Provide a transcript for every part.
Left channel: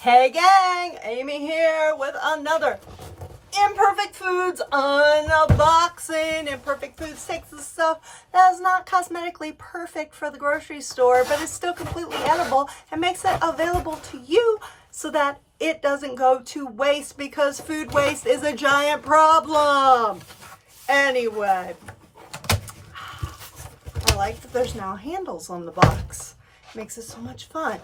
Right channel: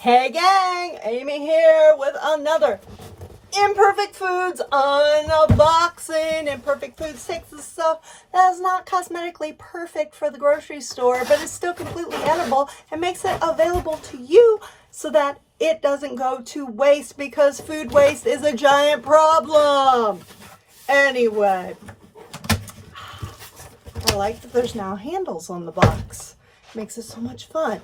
Hey gang, Amy here with another Imperfect Foods unboxing. Imperfect Foods takes the stuff that is not cosmetically perfect for the grocery store, but is still completely edible and makes it available to you so that it doesn't go to waste, because food waste is a giant problem. Anyway, I like that there's now handles on the box. Makes it so much fun.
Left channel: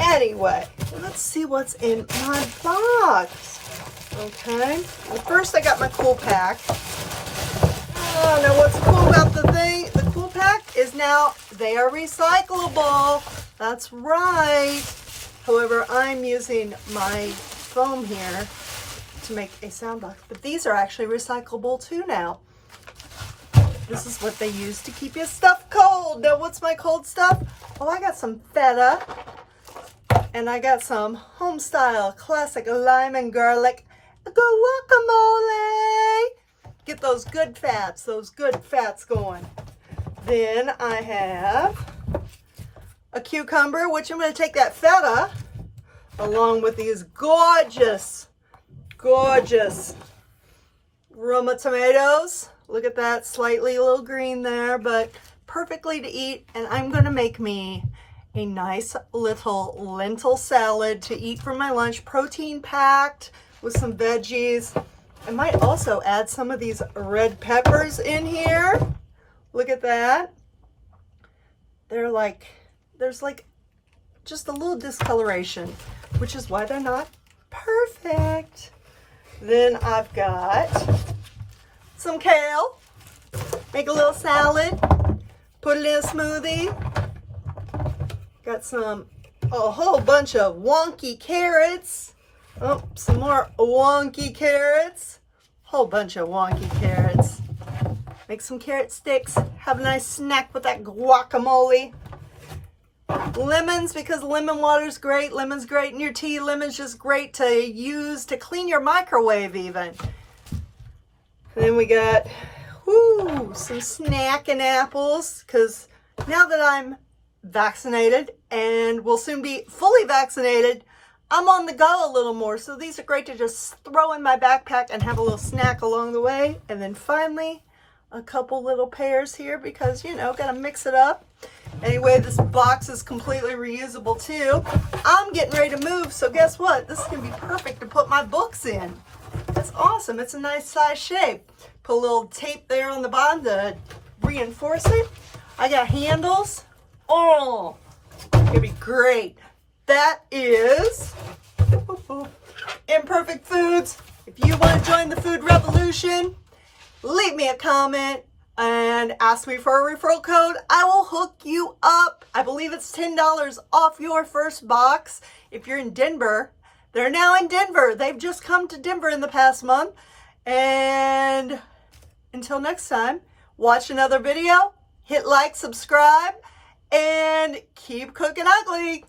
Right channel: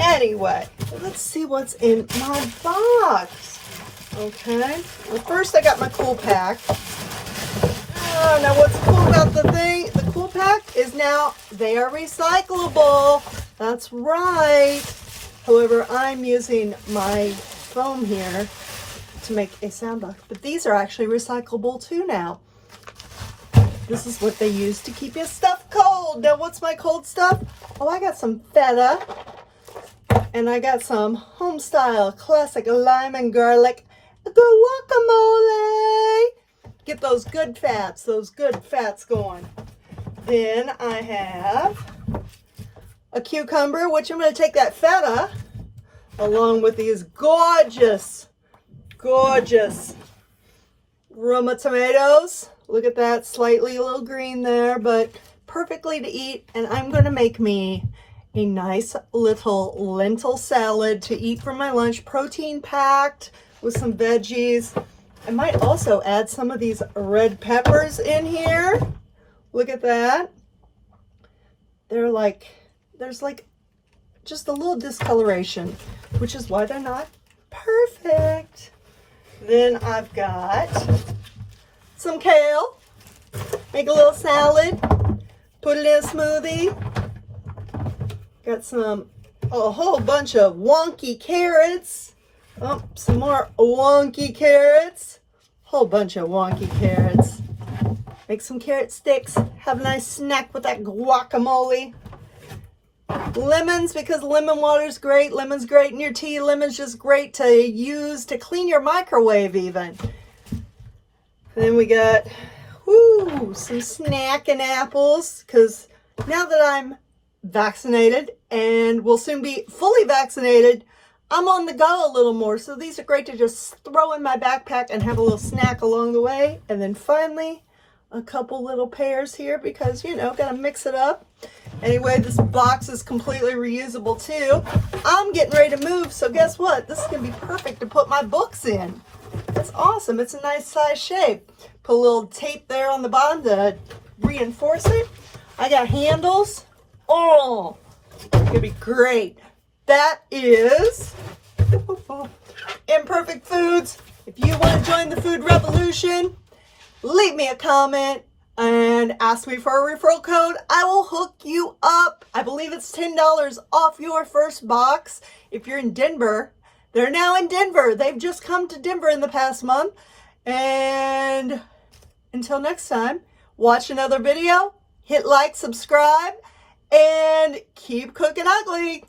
Anyway, let's see what's in my box. Okay, well, first I got my cool pack. Oh, now what's cool about the cool pack is now they are recyclable. That's right. However, I'm using my foam here to make a sound box, but these are actually recyclable too now. This is what they use to keep your stuff cold. Now, what's my cold stuff? Oh, I got some feta. And I got some home-style classic lime and garlic guacamole. Get those good fats going. Then I have a cucumber, which I'm going to take that feta along with these gorgeous Roma tomatoes. Look at that, slightly a little green there, but perfectly to eat. And I'm going to make me a nice little lentil salad to eat for my lunch, protein packed with some veggies. I might also add some of these red peppers in here. Look at that. There's like just a little discoloration, which is why they're not perfect. Then I've got some kale. Make a little salad, put it in a smoothie. Got a whole bunch of wonky carrots. Oh, some more wonky carrots. Whole bunch of wonky carrots. Make some carrot sticks. Have a nice snack with that guacamole. Lemons, because lemon water is great. Lemon's great in your tea. Lemon's just great to use to clean your microwave even. And then we got some snacking apples, because now that I'm vaccinated and will soon be fully vaccinated, I'm on the go a little more. So these are great to just throw in my backpack and have a little snack along the way. And then finally, a couple little pears here because, you know, gotta mix it up. Anyway, this box is completely reusable too. I'm getting ready to move, so guess what? This is gonna be perfect to put my books in. That's awesome. It's a nice size shape. Put a little tape there on the bottom to reinforce it. I got handles. Oh, it's gonna be great. That is Imperfect Foods. If you want to join the food revolution, leave me a comment and ask me for a referral code. I will hook you up. I believe it's $10 off your first box. If you're in Denver, they're now in Denver. They've just come to Denver in the past month. And until next time, watch another video, hit like, subscribe, and keep cooking ugly.